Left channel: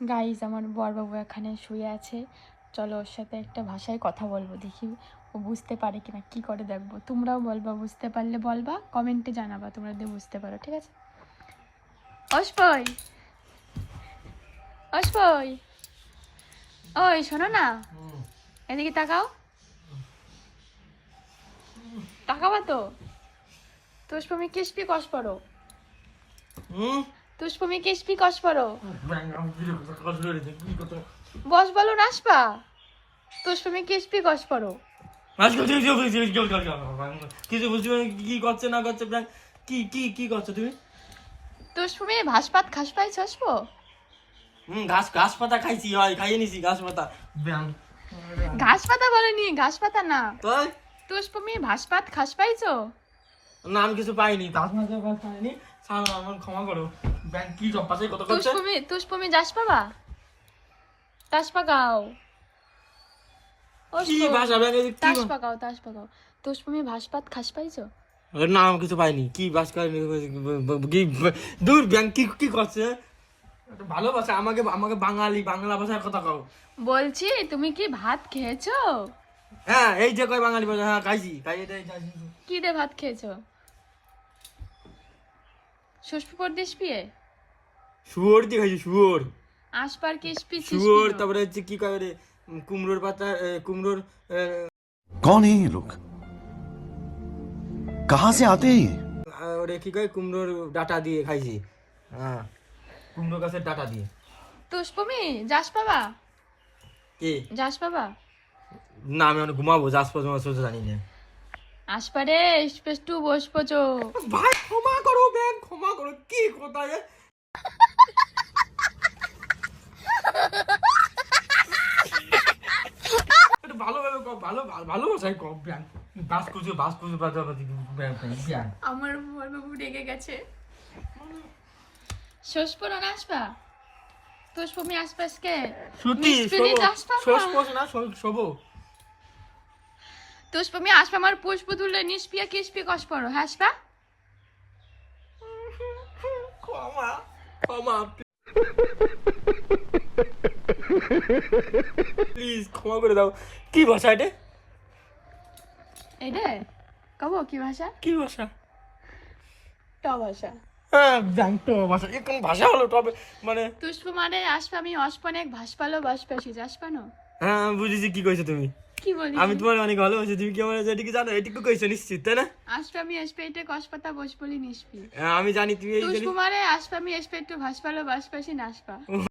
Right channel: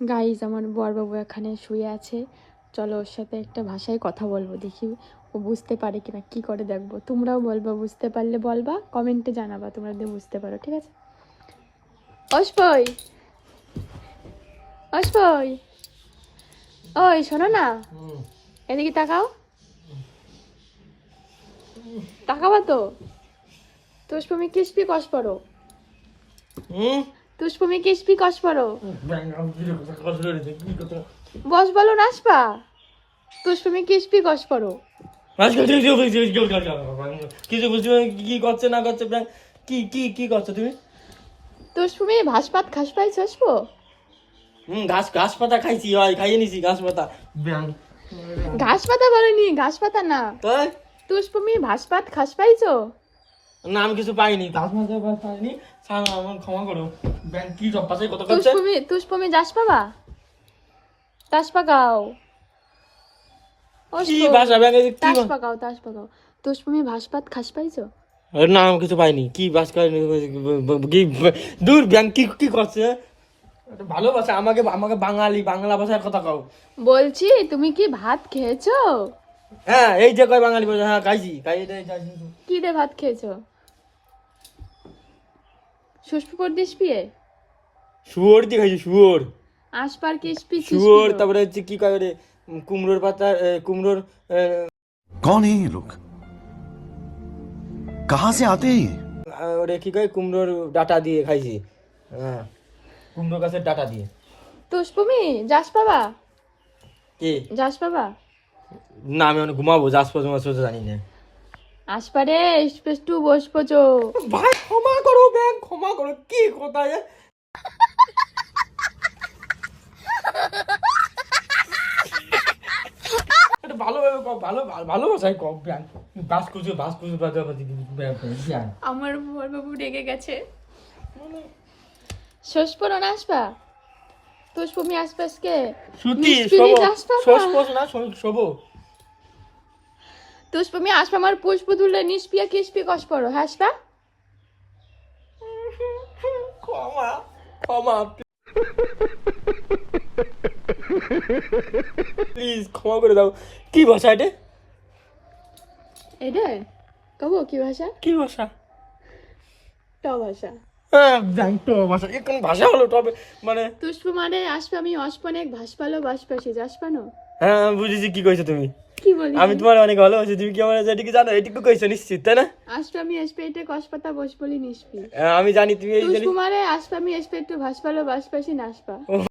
Guys আমার বরবাবু এখানে শুয়ে আছে, চলো ওর সাথে একটা ভাষায় কথা বলবো, দেখি ও বুঝতে পারে কিনা, কি করে দেখবো। তোমরাও বলবা, বুঝতে পারলে বলবা, কমেন্টে জানাবা তোমরা যদি বুঝতে পারো, ঠিক আছে? অস্পই অস্পই, ওই শোনো না, এদিকে তাকাও, তাকাবা তো। তুষ্পমি কিসপি কস পড়ো, তুষ্পমি কিসপি কস পড়ো, বস বলো নাসপা, তুষ্পমি কিসপি কস পড়ো। কিছু বুঝতে কি করছে না করছে, কি কি কি করছো তুমি? তুষ্পমি ভাস পাত খাস পাই চসবো। ঘাস ঘাস পাতা খাইছি, হয় খাইয়ে নিছি ঘাস পাতা। ঘাস পাতা বলেনি, ঘাস পাতা না। তাই তুষ্পমি ভাস পাত খাস পাইছো? না, আমি কিছু পাইনি, ঘাস পাতা পাইনি। আমার ক্ষমা করো। ব্যাংক কি সব পাশে কত করছে? তুষ্পমি যাস পাবা, তাস পাকাও, কি ভাষা ব্যাংক কি? তাস পাকাও, তাস পাকাও। তুষ্পমি ভাস পাত খাস পাইছো? না, আমি কিছু পাইনি। কি বাস কি দূর ব্যাংক কি কি করছে? ভালোবাসা আমাকে, আমাকে বাঙালি বাংলা ভাষায় কথা কও। বলছি তুমি কি ভাত খেয়েছো? হ্যাঁ, এই যে কয় বাঙালি ভাষা, হ্যাঁ খাইছি, খাইয়ে দেয়। কি রে ভাত খেয়েছো? সুস্পি পর দিস পিয়ে শুয়োর দিয়ে খাইছি, শুয়োর। আসপার কিসপি শুয়োর, তারপরে হচ্ছে কি কয় রে, কুমড়োর পাতা, কুমড়োর। कौन है ये लोग? कहां से आते हैं ये? ওরে কি কয়, কুমড়োর ডাটা দিয়ে খাইছি। হ্যাঁ, কুমড়ো গাছের ডাটা দিয়ে। তুষ্পমি যাস পাবা, কি? যাস পাবা? না, আমি অনেক ঘুমাবো, যাস পর্যন্ত জানি না। আসপারে স্পেস টু বসবো চো। ভাই ক্ষমা করো ব্যাংক, ক্ষমা করো। কি কোথায় ভালোভাবে কম, ভালোবাসায় কম ব্যাংক। বাস কুচু আমার বরবাবু রেগে গেছে। শোষপনো না আসবা, তুষ্পমি আসপাসকে সুতি না শোবো। তুষ্পমি আসবা আমার পুষ্প তুলে নিষ্পিয়া কিসপি কস পড়ো, হাসবা। ক্ষমা ক্ষমা প্লিজ, ক্ষমা করে দাও। কি ভাষা এটা? এডে কব কি ভাষা? কি ভাষা? ট ভাষা। হ্যাঁ, জানতো ভাষা, কোন ভাষা হলো তবে মানে? তুষ্প মানে আসবে, আমি অস্পনেক ভাসপালো বাসপাসি যাসপানো। হ্যাঁ, আমি বুঝেছি কি কইছো তুমি। কি বলি? আমি তোমার অনেক ভালোবাসি, তুমি কি আমার এটিকে জানো? এটিকে কইছো নিশ্চিত, তাই না? আসবে আমি এসপেটে কসপাতা বস বলি নিষ্পি। আমি জানি তুমি এই তুষ্প মানে আসবে আমি এসপেটে ভাসপালো বাসপাসি নাসপা।